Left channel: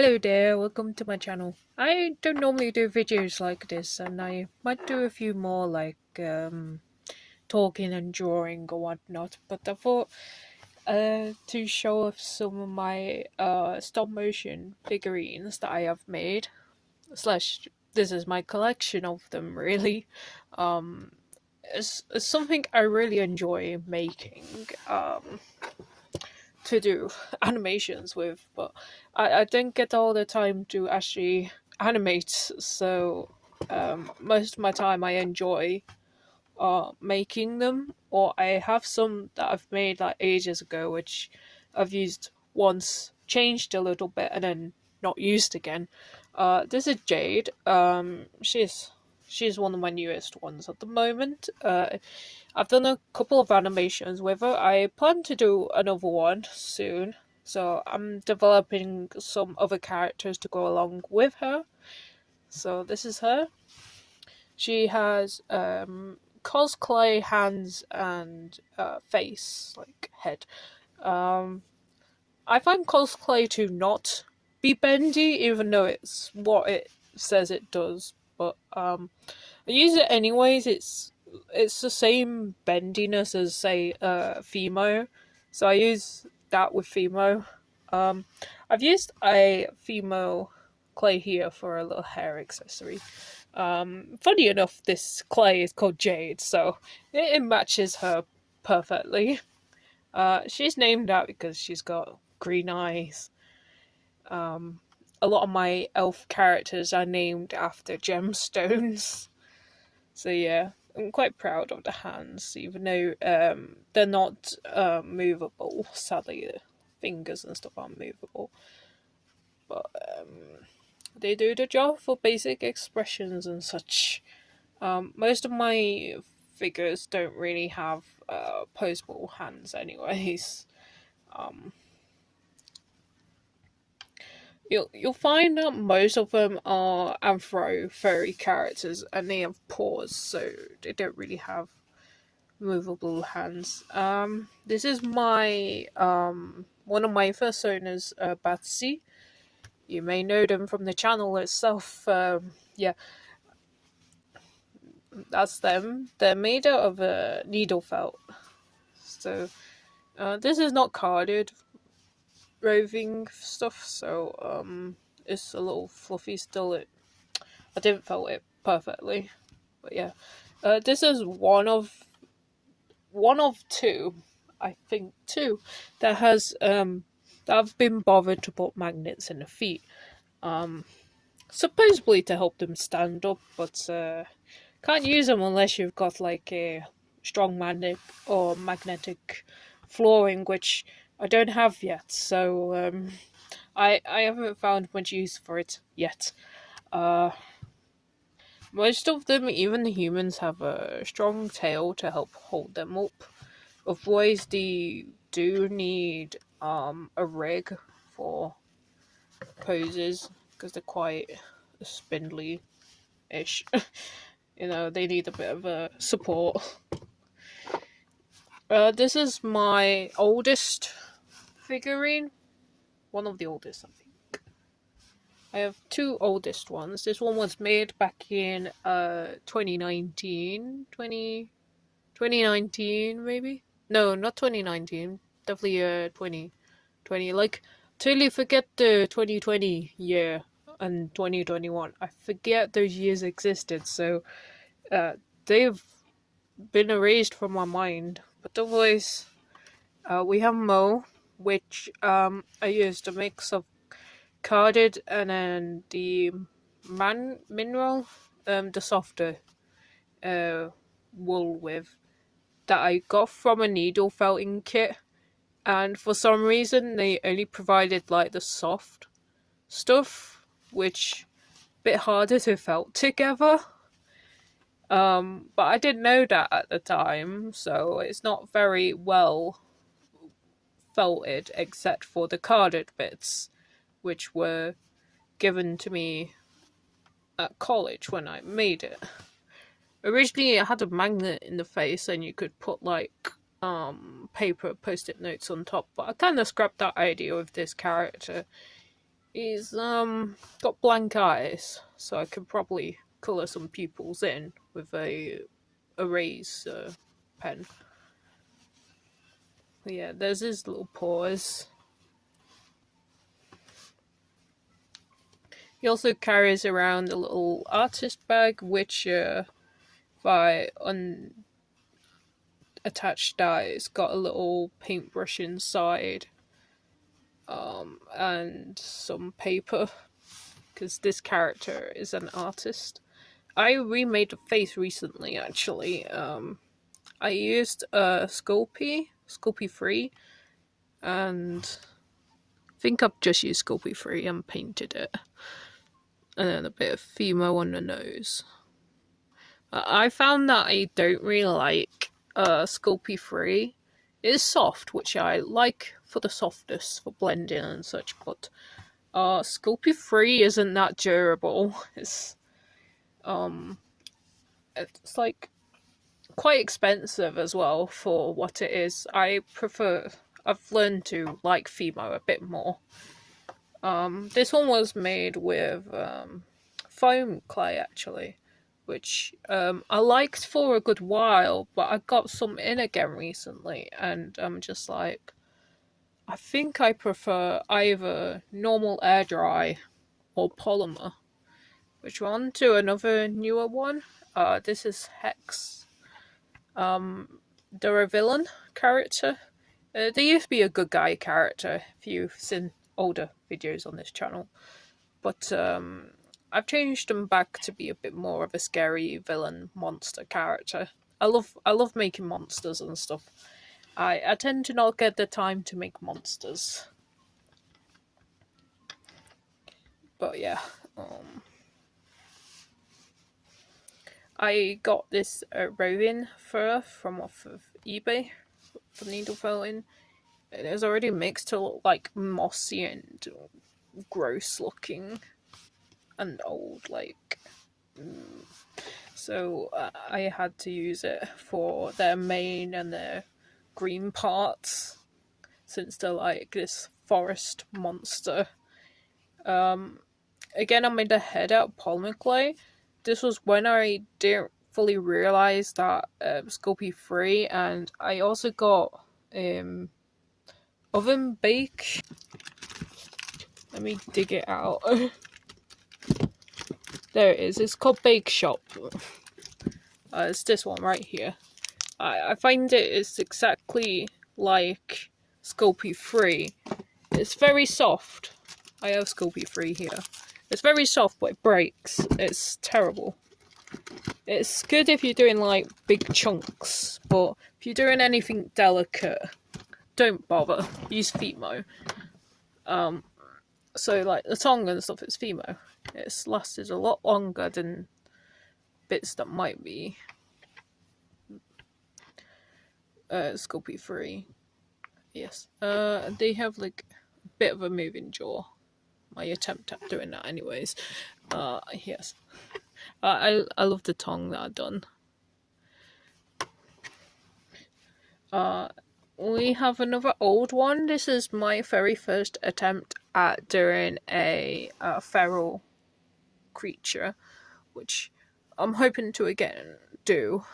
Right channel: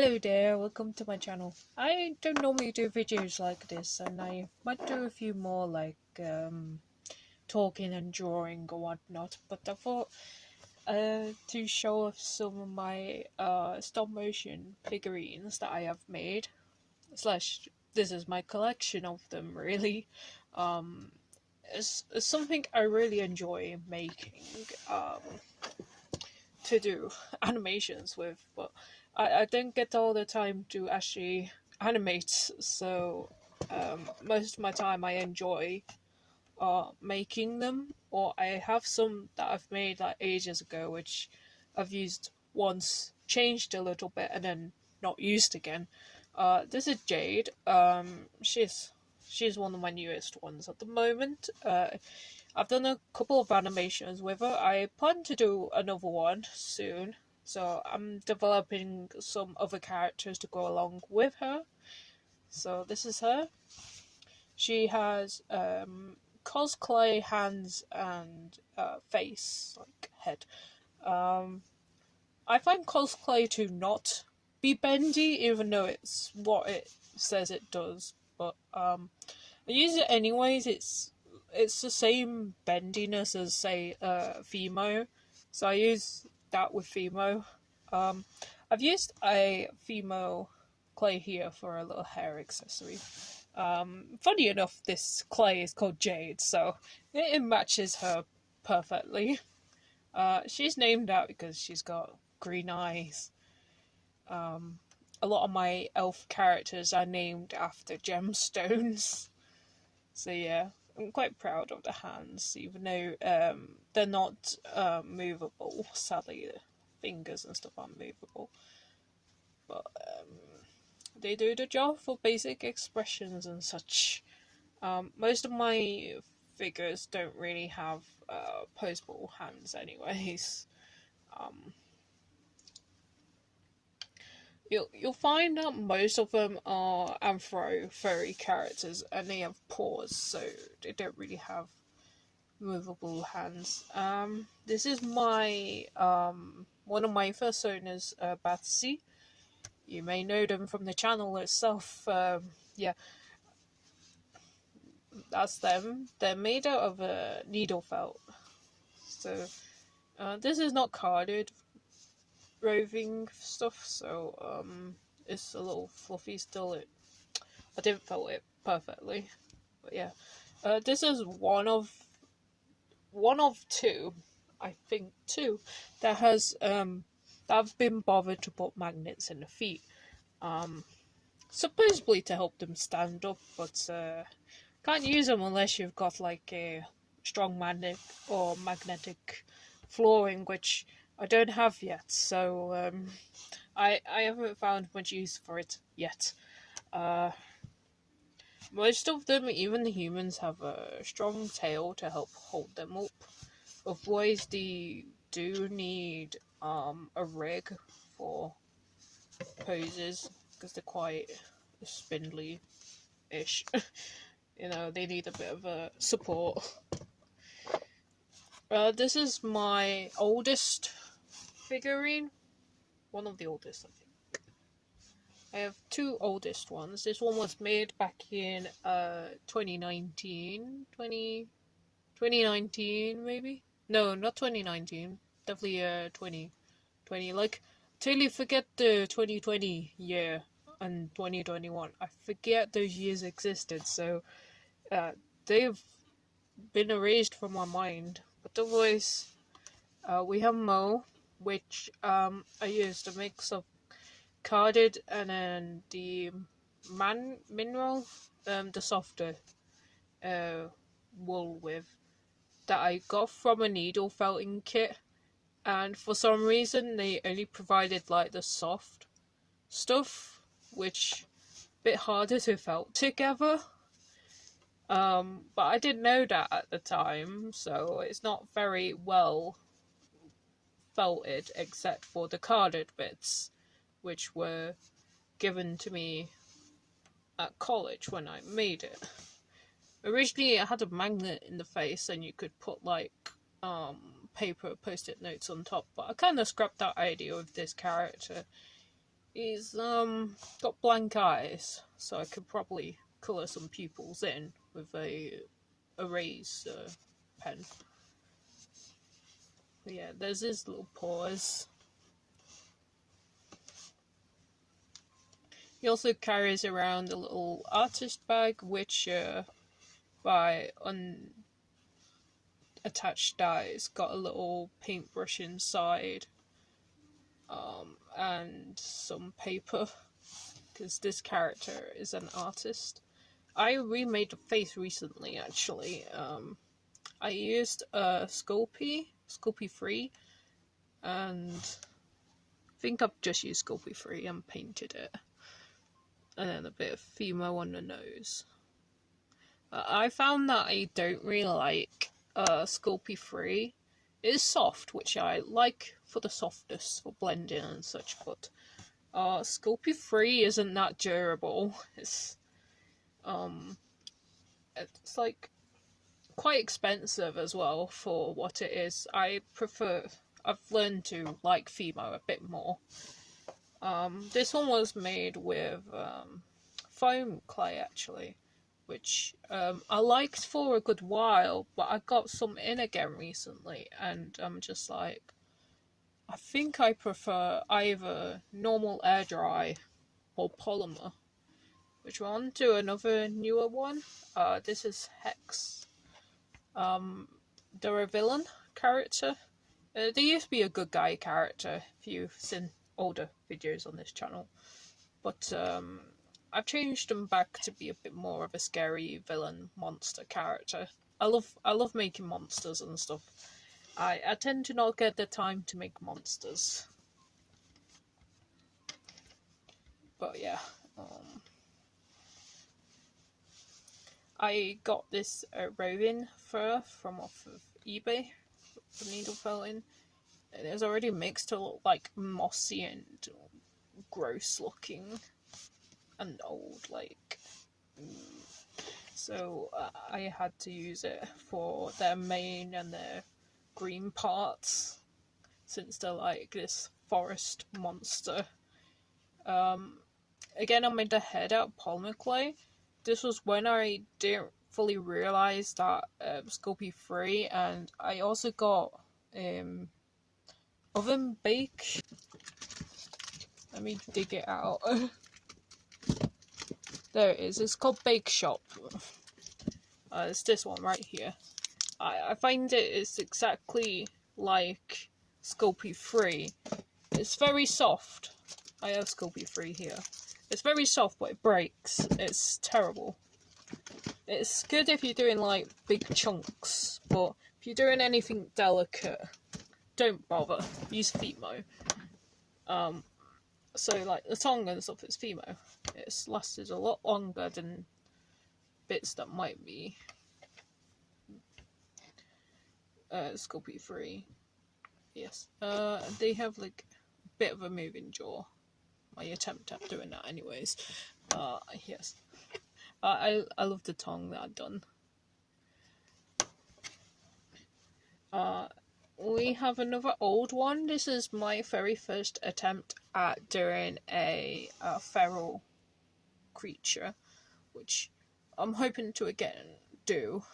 Hello there, welcome to my channel. I don't normally do videos like this, and I might do a few more like talking and drawing or whatnot, but I thought to show off some of my stop motion figurines that I have made. Slash, this is my collection of them really. Um it's something I really enjoy making. To do animations with, but I didn't get all the time to actually animate, so most of my time I enjoy making them, or I have some that I've made like ages ago, which I've used once, changed a little bit, and then not used again. This is Jade. She's one of my newest ones at the moment. I've done a couple of animations with her. I plan to do another one soon, so I'm developing some other characters to go along with her. So this is her. She has cosplay hands and face, like head. I find cosplay to not be bendy, even though it's what it says it does. But I use it anyways. It's the same bendiness as say Fimo, so I use that with Fimo. I've used a Fimo clay here for a little hair accessory. Funny enough, this clay is called Jade, so it matches her perfectly. She's named that because she's got green eyes. A lot of my elf characters are named after gemstones. So yeah, I'm quite proud of the hands, even though they're not movable. Sadly, the fingers and stuff aren't movable. But they do the job for basic expressions and such. Most of my figures don't really have posable hands anyways. You'll find that most of them are Anthro furry characters, and they have paws, so they don't really have movable hands. This is my one of my first owners, D3DBATZ. You may know them from the channel itself. Yeah, that's them. They're made out of needle felt. So this is not carded roving stuff, so it's a little fluffy still. I didn't felt it perfectly, but yeah, this is one of two, I think two, that has that have been bothered to put magnets in the feet, supposedly to help them stand up, but can't use them unless you've got like a strong magnetic flooring, which I don't have yet, so I haven't found much use for it yet. Most of them, even the humans, have a strong tail to help hold them up. Otherwise, they do need a rig for poses because they're quite spindly-ish. You know, they need a bit of a support. This is my oldest figurine. One of the oldest, I think. I have two oldest ones. This one was made back in 2019. 2019 maybe? No, not 2019. Definitely 2020. Like, totally forget the 2020 year and 2021. I forget those years existed, so they've been erased from my mind. But otherwise, we have Mo, which I used a mix of carded and then the mineral, the softer wool with, that I got from a needle felting kit, and for some reason they only provided like the soft stuff, which a bit harder to felt together. But I didn't know that at the time, so it's not very well felted except for the carded bits, which were given to me at college when I made it. Originally it had a magnet in the face and you could put like paper post-it notes on top, but I kind of scrapped that idea with this character. He's got blank eyes, so I could probably colour some pupils in with a eraser pen. But yeah, there's his little paws. He also carries around a little artist bag, which by unattached dies got a little paintbrush inside, and some paper, because this character is an artist. I remade the face recently, actually. I used Sculpey 3, and I think I've just used Sculpey 3 and painted it. And then a bit of Fimo on the nose. I found that I don't really like Sculpey 3. It's soft, which I like for the softness, for blending and such, but Sculpey 3 isn't that durable. It's like quite expensive as well for what it is. I've learned to like Fimo a bit more. This one was made with foam clay, actually, which I liked for a good while, but I got some in again recently, and I'm just like, I think I prefer either normal air dry or polymer. Which one? To another newer one. This is Hex. They're a villain character. They used to be a good guy character, if you've seen older videos on this channel. But I've changed them back to be a bit more of a scary villain monster character. I love making monsters and stuff. I tend to not get the time to make monsters. But yeah, I got this Rowan fur from off of eBay, the needle felting. It is already mixed to look like mossy and gross looking and old, like. So I had to use it for their mane and their green parts, since they're like this forest monster. Again, I made the head out of polymer clay. This was when I didn't fully realise that Sculpey 3, and I also got oven bake. Let me dig it out. There it is. It's called Bake Shop. It's this one right here. I find it is exactly like Sculpey 3. It's very soft. I have Sculpey 3 here. It's very soft, but it breaks. It's terrible. It's good if you're doing like big chunks, but if you're doing anything delicate, don't bother. Use Fimo. So like the tongue and stuff, it's Fimo. It's lasted a lot longer than bits that might be Sculpey 3. Yes. They have like a bit of a moving jaw. My attempt at doing that anyways. Yes. I love the tongue that I've done. We have another old one. This is my very first attempt at doing a feral creature, which I'm hoping to again do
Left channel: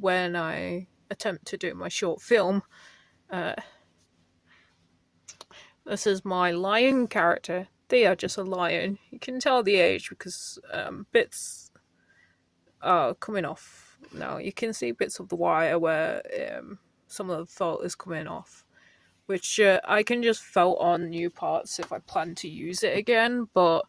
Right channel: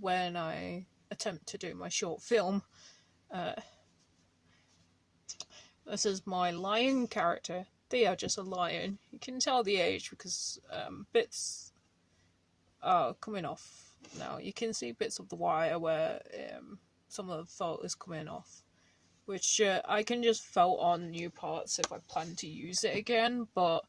when I attempt to do my short film. This is my lion character. They are just a lion. You can tell the age because bits are coming off now. You can see bits of the wire where some of the felt is coming off, which I can just felt on new parts if I plan to use it again, but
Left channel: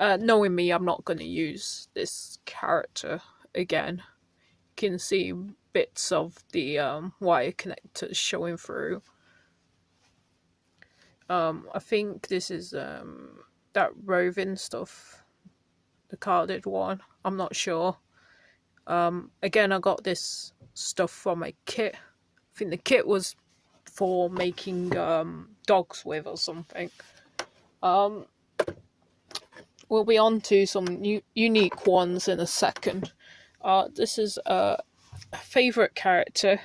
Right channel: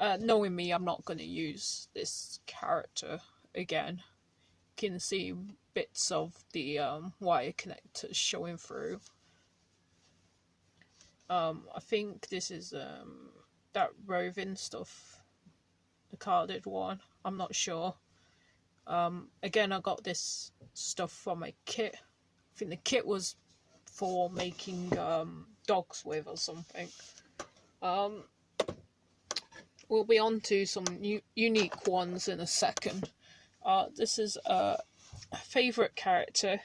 knowing me, I'm not going to use this character again. You can see bits of the wire connectors showing through. I think this is that roving stuff, the carded one. I'm not sure. Again, I got this stuff from my kit. I think the kit was for making dogs with or something. We'll be on to some unique ones in a second. This is a favourite character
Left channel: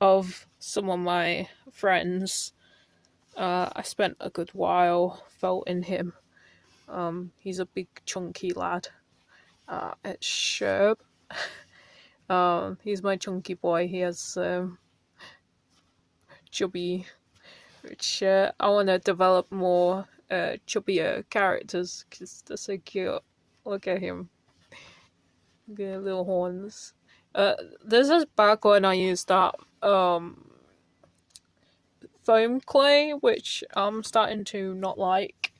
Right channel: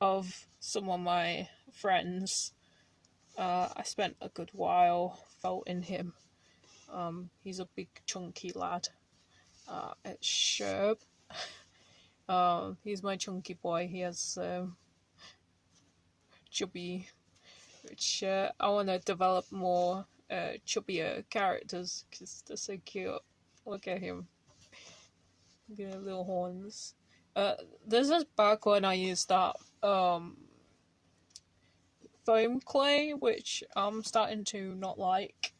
of some of my friends. I spent a good while felting him. He's a big chunky lad. It's Sherb. He's my chunky boy. He has chubby, which I want to develop more chubbier characters because they're so cute. Look at him. Look at little horns. This is back when I used that foam clay, which I'm starting to not like.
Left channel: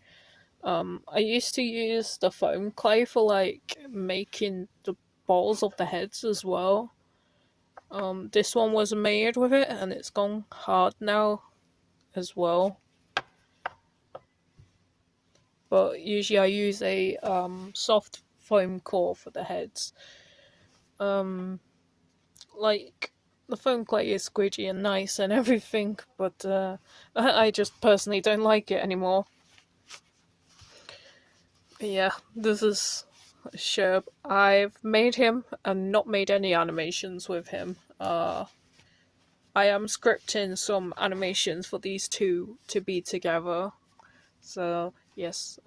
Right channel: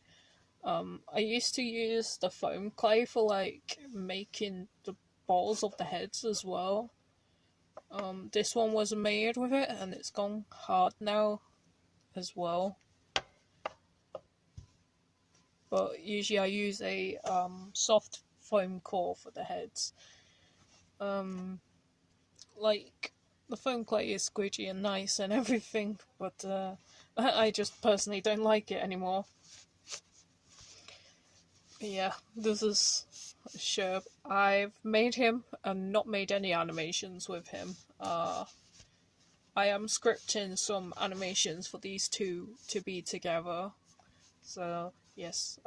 I used to use the foam clay for like making the balls of the heads as well. This one was made with it and it's gone hard now as well. But usually I use a soft foam core for the heads. Like the foam clay is squidgy and nice and everything, but I just personally don't like it anymore. Yeah, this is Sherb. I've made him and not made any animations with him. I am scripting some animations for these two to be together. So yes,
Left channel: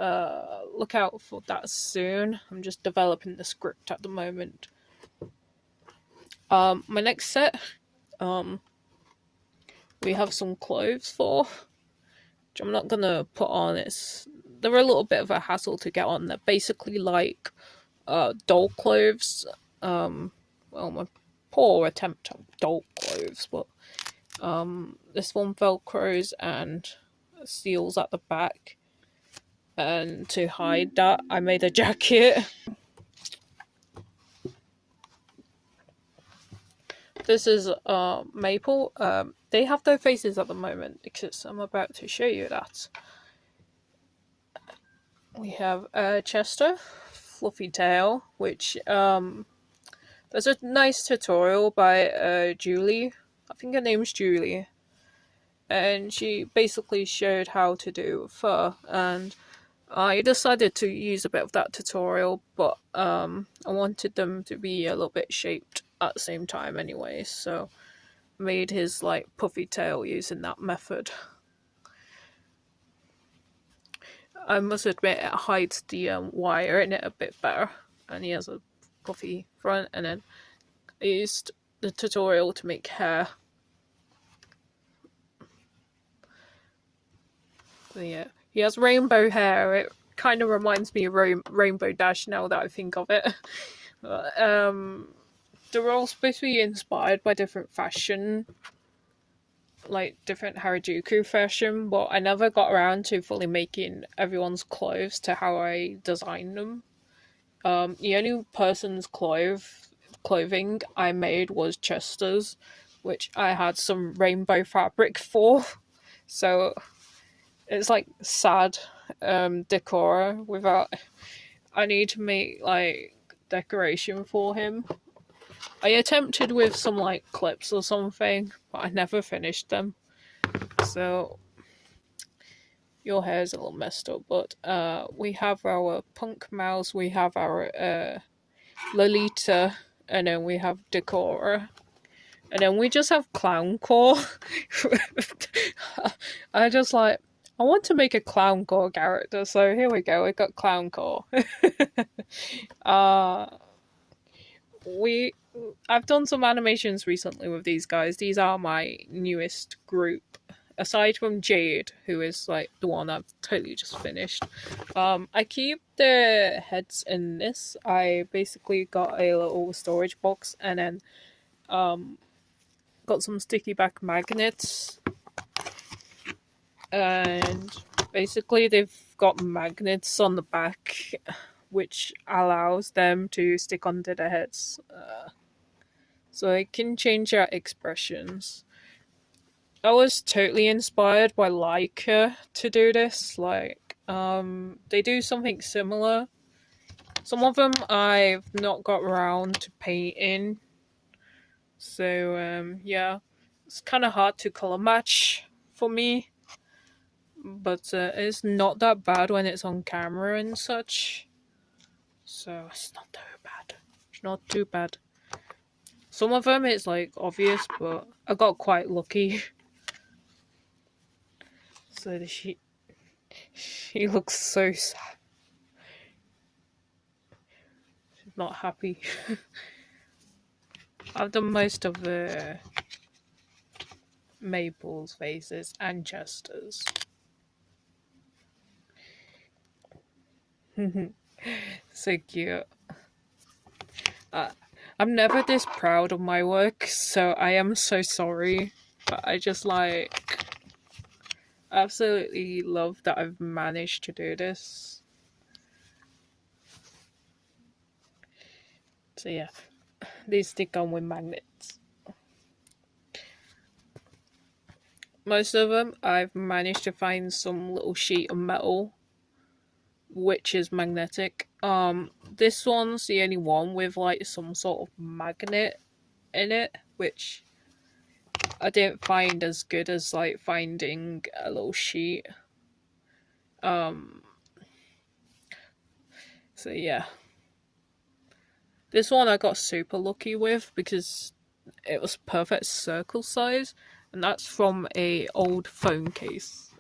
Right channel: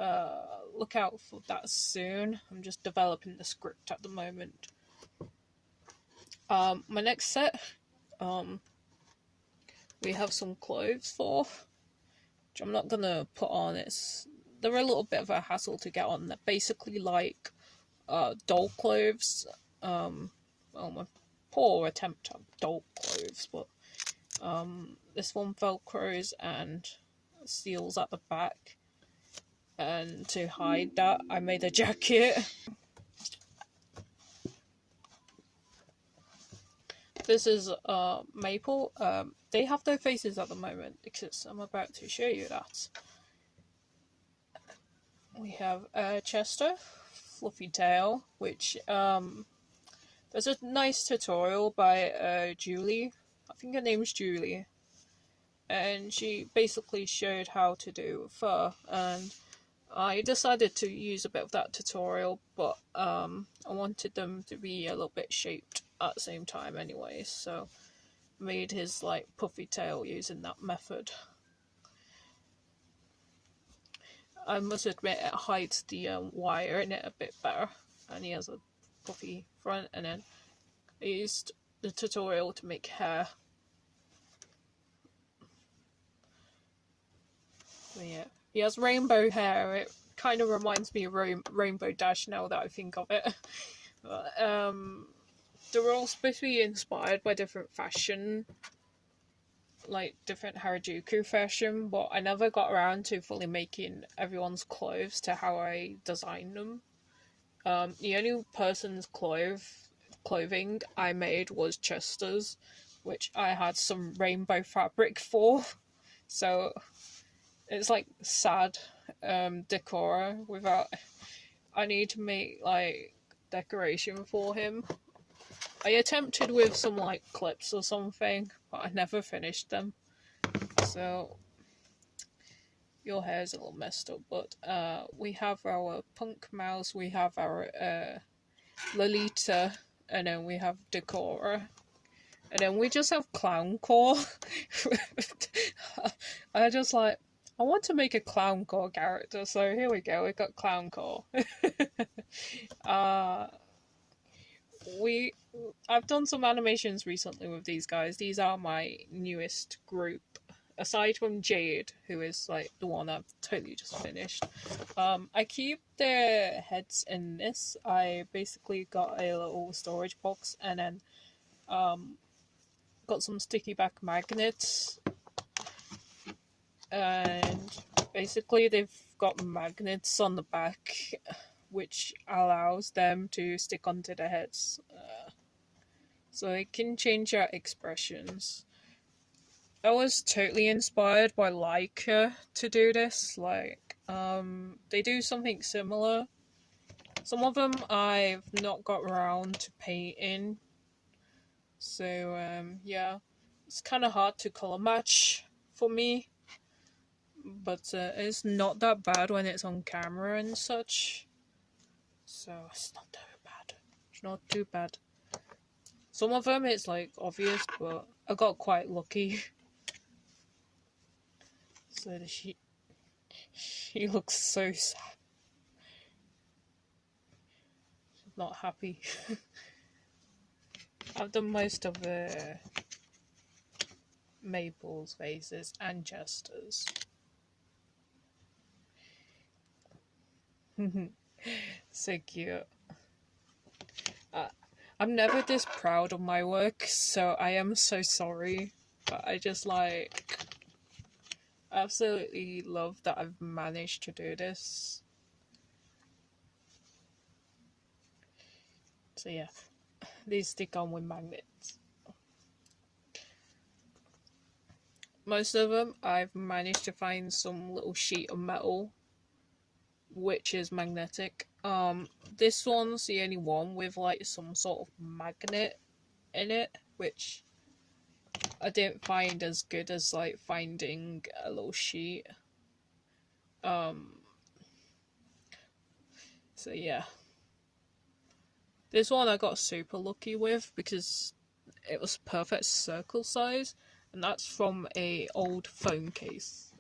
look out for that soon. I'm just developing the script at the moment. My next set, we have some clothes for, which I'm not gonna put on. They're a little bit of a hassle to get on. They're basically like doll clothes. Well, my poor attempt at doll clothes, but this one velcros and seals at the back. And to hide that, I made a jacket. This is Maple. They have their faces at the moment because I'm about to show you that. We have Chester, Fluffy Tail, which there's a nice tutorial by Julie. I think her name's Julie. And she basically showed how to do fur, and I decided to use a bit of that tutorial, but I wanted them to be a little bit shaped at the same time anyway, so made his like puffy tail using that method. I must admit it hides the wire in it a bit better, and he has a puffy front, and then I used the tutorial to make hair. So yeah, he has rainbow hair. It kind of reminds me of Rainbow Dash now that I think of it. But, they're all supposed to be inspired by different fashion, like different Harajuku fashion, but I never got around to fully making everyone's clothes to how I designed them. The only person's clothing I made was Chester's, which I had some rainbow fabric for. So it's like sad decor without. I need to make like decoration for him. I attempted with some like clips or something, but I never finished them. So your hair's a little messed up, but we have our punk mouse, we have our Lolita, and then we have Decora. And then we just have Clowncore. I want to make a Clowncore character, so here we go, I got Clowncore. I've done some animations recently with these guys. These are my newest group. Aside from Jade, who is like the one I've totally just finished. I keep their heads in this. I basically got a little storage box and then got some sticky back magnets. And basically they've got magnets on the back which allows them to stick onto their heads. So they can change their expressions. I was totally inspired by Leica to do this. Like, they do something similar. Some of them I've not got around to painting. So, yeah. It's kind of hard to colour match for me. But it's not that bad when it's on camera and such. So, it's not too bad. It's not too bad. Some of them it's like obvious, but I got quite lucky. So she looks so sad. not happy. I've done most of the Maple's faces and Chester's. So cute. I'm never this proud of my work, so I am so sorry. But I just like absolutely love that I've managed to do this. So yeah, they stick on with magnets. Most of them I've managed to find some little sheet of metal which is magnetic. This one's the only one with like some sort of magnet in it, which I didn't find as good as like finding a little sheet. So yeah. This one I got super lucky with because it was perfect circle size, and that's from a old phone case.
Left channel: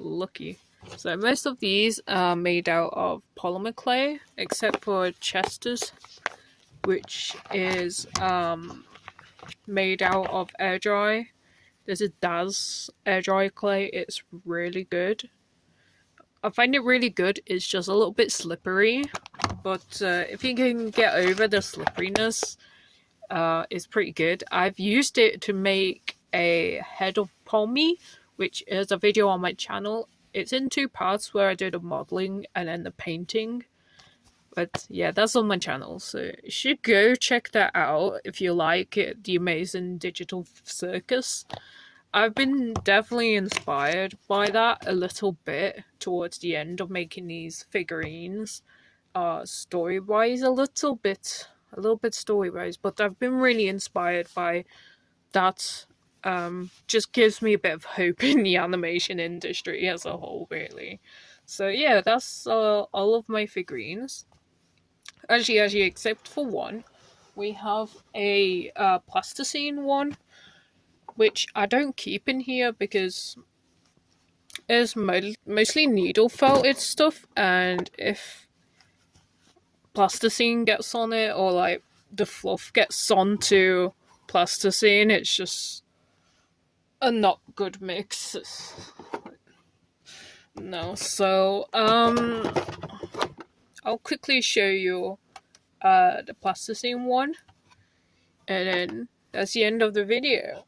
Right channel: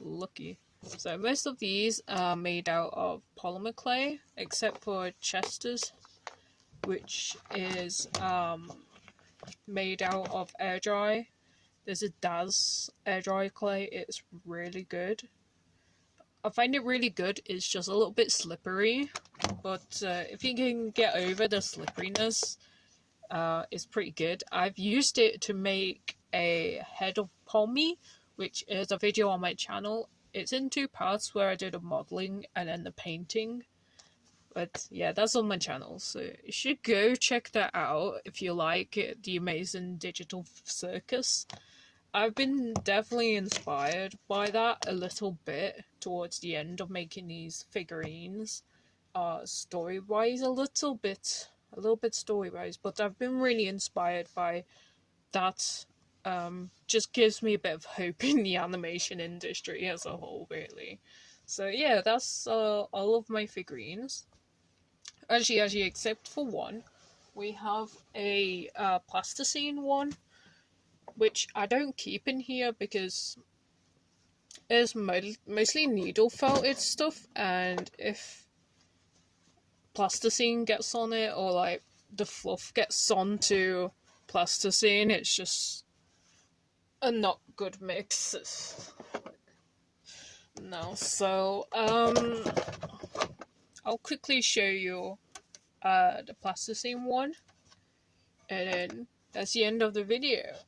Lucky. So most of these are made out of polymer clay, except for Chester's, which is made out of air dry. There's a D3DBATZ air dry clay. It's really good. I find it really good. It's just a little bit slippery, but if you can get over the slipperiness, it's pretty good. I've used it to make a head of Pommy, which is a video on my channel. It's in 2 parts where I do the modelling and then the painting. But yeah, that's on my channel, so you should go check that out if you like it, the amazing digital circus. I've been definitely inspired by that a little bit towards the end of making these figurines. Story-wise, a little bit story-wise, but I've been really inspired by that. Just gives me a bit of hope in the animation industry as a whole, really. So yeah, that's all of my figurines. Actually, except for one, we have a plasticine one, which I don't keep in here because it's mostly needle felted stuff, and if plasticine gets on it or like the fluff gets onto plasticine, it's just a not good mix. No, so I'll quickly show you the plasticine one, and then that's the end of the video.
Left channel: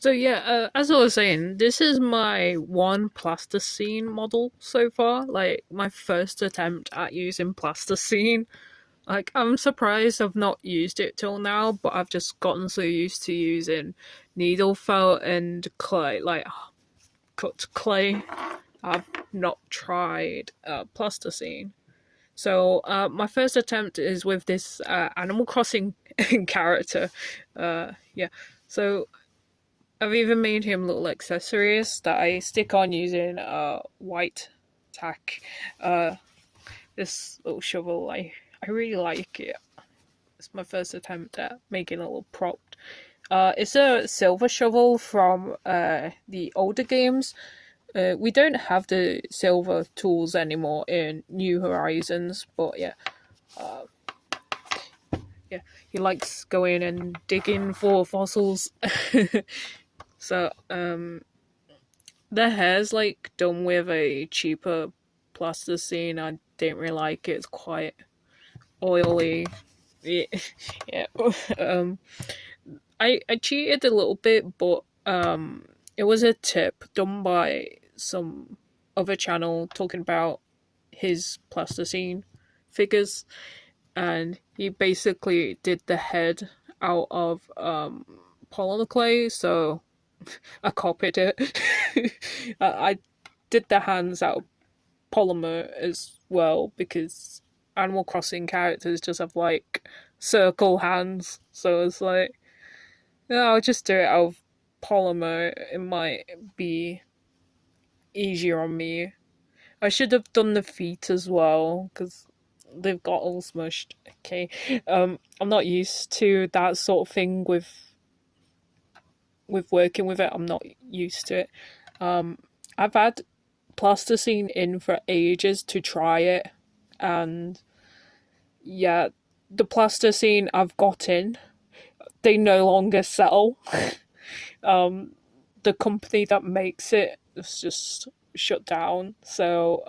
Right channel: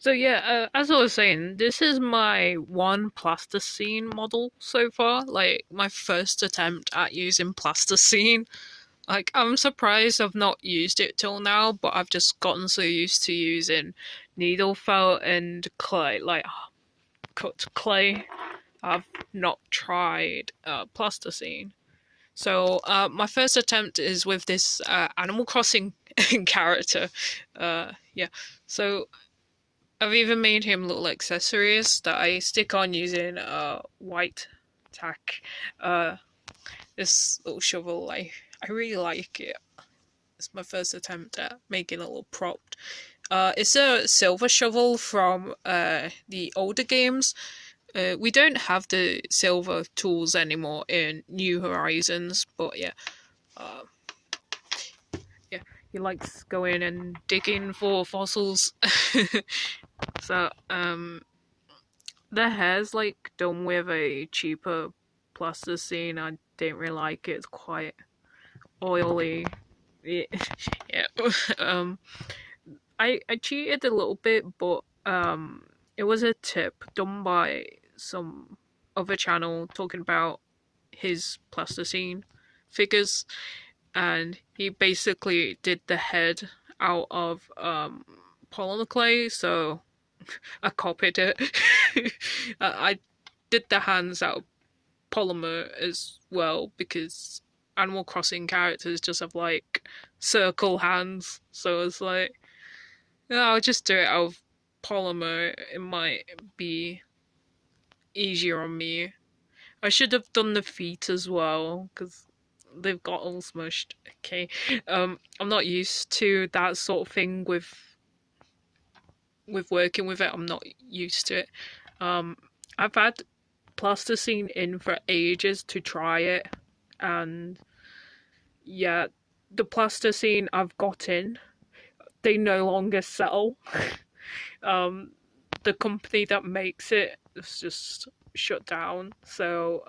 So yeah, as I was saying, this is my one plasticine model so far, like my first attempt at using plasticine. Like, I'm surprised I've not used it till now, but I've just gotten so used to using needle felt and clay, like cut clay. I've not tried plasticine. So my first attempt is with this Animal Crossing character. Yeah, so I've even made him little accessories that I stick on using white tack. This little shovel, I really like it. It's my first attempt at making a little prop. It's a silver shovel from the older games. We don't have the silver tools anymore in New Horizons, but yeah. Yeah, he likes going and digging for fossils. So, the hair's like done with a cheaper plasticine. I didn't really like it. It's quite oily. Yeah. I cheated a little bit, but it was a tip done by some other channel talking about his plasticine figures, and he basically did the head out of polymer clay, so I copied it. I did the hands out of polymer as well because Animal Crossing characters just have like circle hands, so it's like, yeah, I'll just do it out of polymer. It might be easier on me. I should have done the feet as well because they've got all smushed. Okay, I'm not used to that sort of thing with working with it. I'm not used to it. I've had plasticine in for ages to try it, and yeah, the plasticine I've got in, they no longer sell. The company that makes it is just shut down, so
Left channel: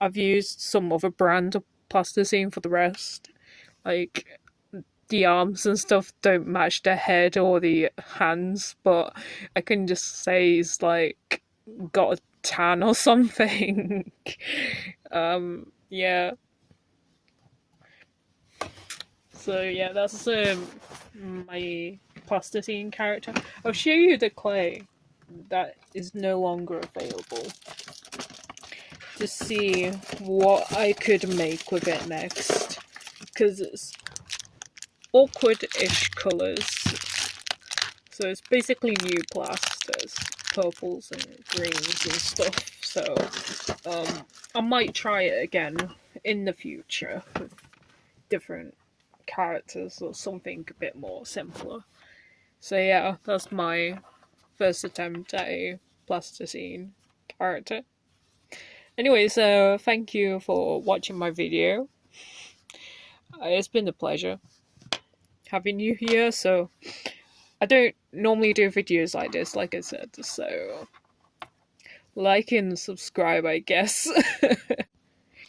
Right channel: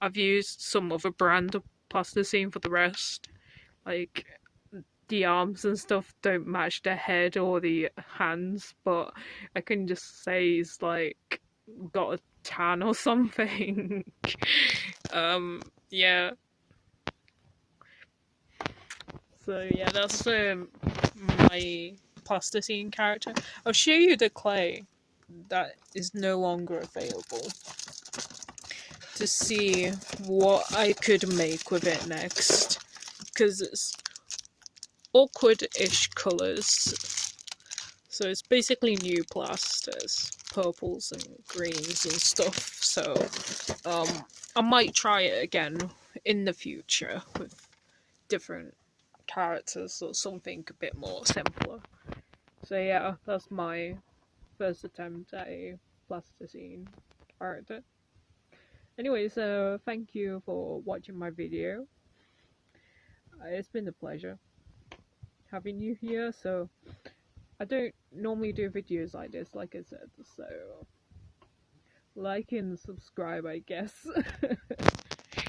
I've used some other brand of plasticine for the rest. Like, the arms and stuff don't match the head or the hands, but I can just say he's like got a tan or something. Yeah. So yeah, that's my plasticine character. I'll show you the clay that is no longer available to see what I could make with it next, because it's awkward-ish colours. So it's basically new plasters, purples and greens and stuff. So I might try it again in the future with different characters or something a bit more simpler. So yeah, that's my first attempt at a plasticine character. Anyway, so thank you for watching my video. It's been a pleasure having you here. So I don't normally do videos like this, like I said, so like and subscribe, I guess.